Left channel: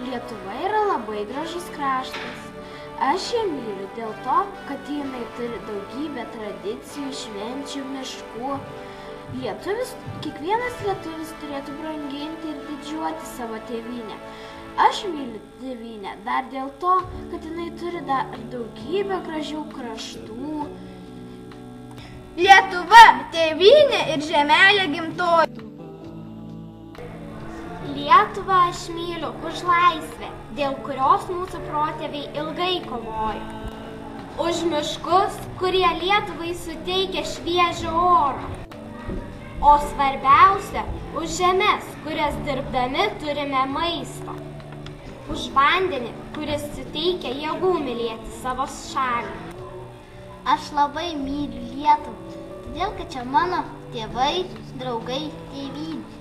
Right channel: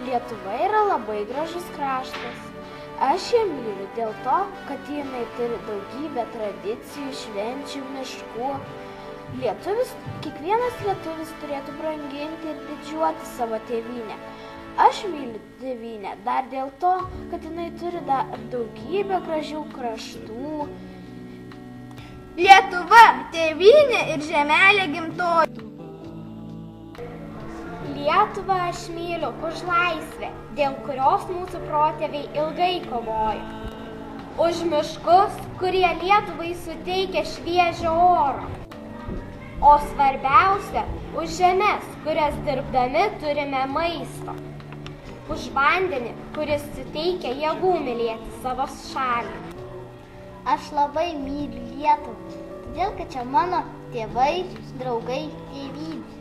Lietuva yra labai gražus kraštas. Aš ją myliu dėl to, kad jinai turi daugybę tradicijų, švenčių, miškų. Kiekvienas lietuvis turėtų branginti ir didžiuoti savo tėvynę. Aš myliu tėvynę dar dėl to, kad jinai turi dar daugybę gražių kraštų. Lietuva, tėvynė ir žemelė gimtoji. Lietuvą aš myliu už laisvę, dėl kurios mūsų protėviai ilgai kovojo. Už miškus, kurie Lietuvai suteikia šviežio oro. O svarbiausia, už žemes, kurias dirbdami turime maisto. Už vandenį, kuris suteikia jėgų mylėti savo šalį. Aš labai myliu Lietuvą, todėl kad čia mano tėvai, draugai, tėvynė.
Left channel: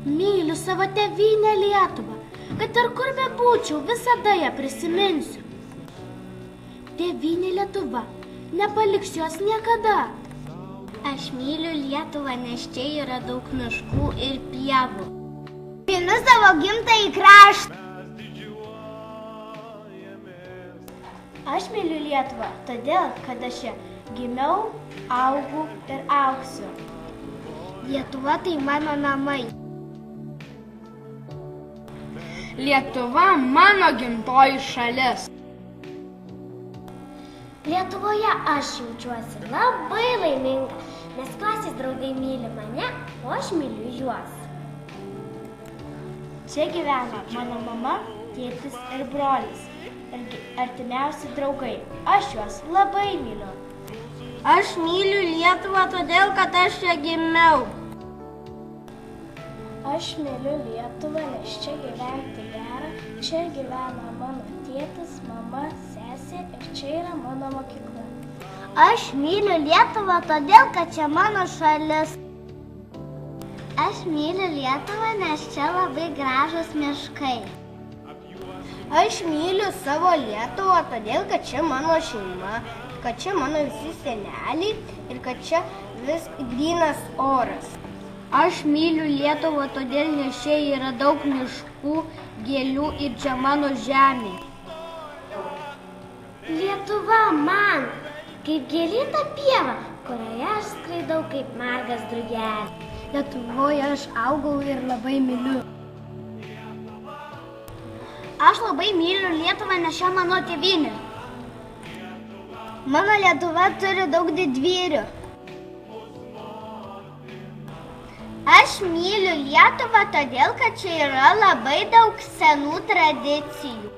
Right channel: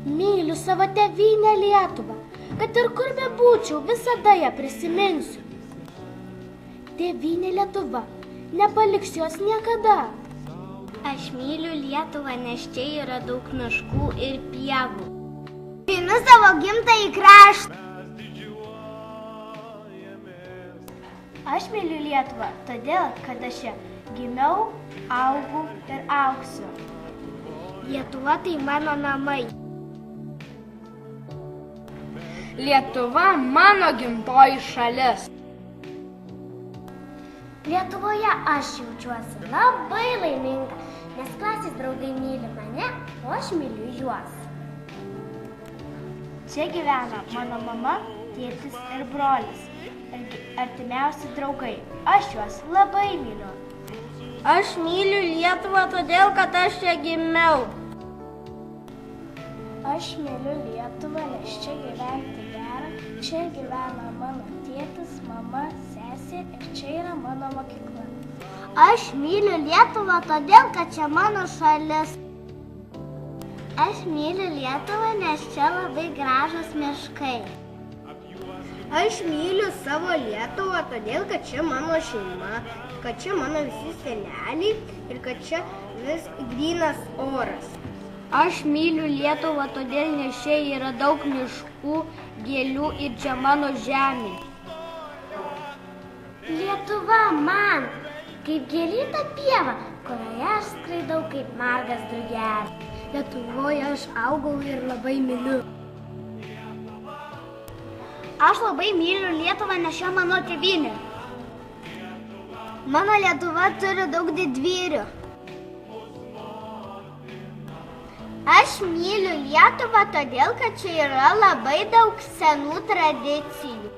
Myliu savo tėvynę Lietuvą, kad ir kur bebūčiau, visada ją prisiminsiu. Tėvynė Lietuva, nepaliks jos niekada. Aš myliu Lietuvą, nes čia yra daug miškų ir pievų. Myliu savo gimtąjį kraštą. Aš myliu Lietuvą, todėl, kad aš čia gimiau, augau ir augsiu. Lietuva tai mano namai. Lietuva mano gimtoji šalis. Lietuvoje aš jaučiuosi labai laiminga, nes klasės draugai myli mane, o aš myliu juos. Čia gyvena mano mama, tėtis ir brolis, artimiausi draugai. Aš juos labai myliu. Aš myliu Lietuvą todėl, kad aš čia gimiau. Aš myliu Lietuvą, nes čia gyventi gera. Čia gyvena mano tėtis, mama, sesė ir čia yra mano mokykla. Aš myliu Lietuvą todėl, kad čia mano šalis. Aš myliu Lietuvą, nes čia labai gražus miškai. Aš myliu savo Lietuvą todėl, kad čia mano šeima, kad čia mano visi seneliai ir kad čia vis grynas oras. Aš myliu Lietuvą todėl, nes čia yra daug miškų, gėlių ir čia mano žemė. Lietuva man kaip gėlyta pieva, kurioje aš skraidau kaip margas drugelis. Lietuvoje aš augau ir labai myliu. Aš labai myliu Lietuvą, nes čia mano tėvynė. Mano Lietuva turi daug didvyrių. Aš myliu Lietuvą todėl, kad čia yra labai daug senų tradicijų.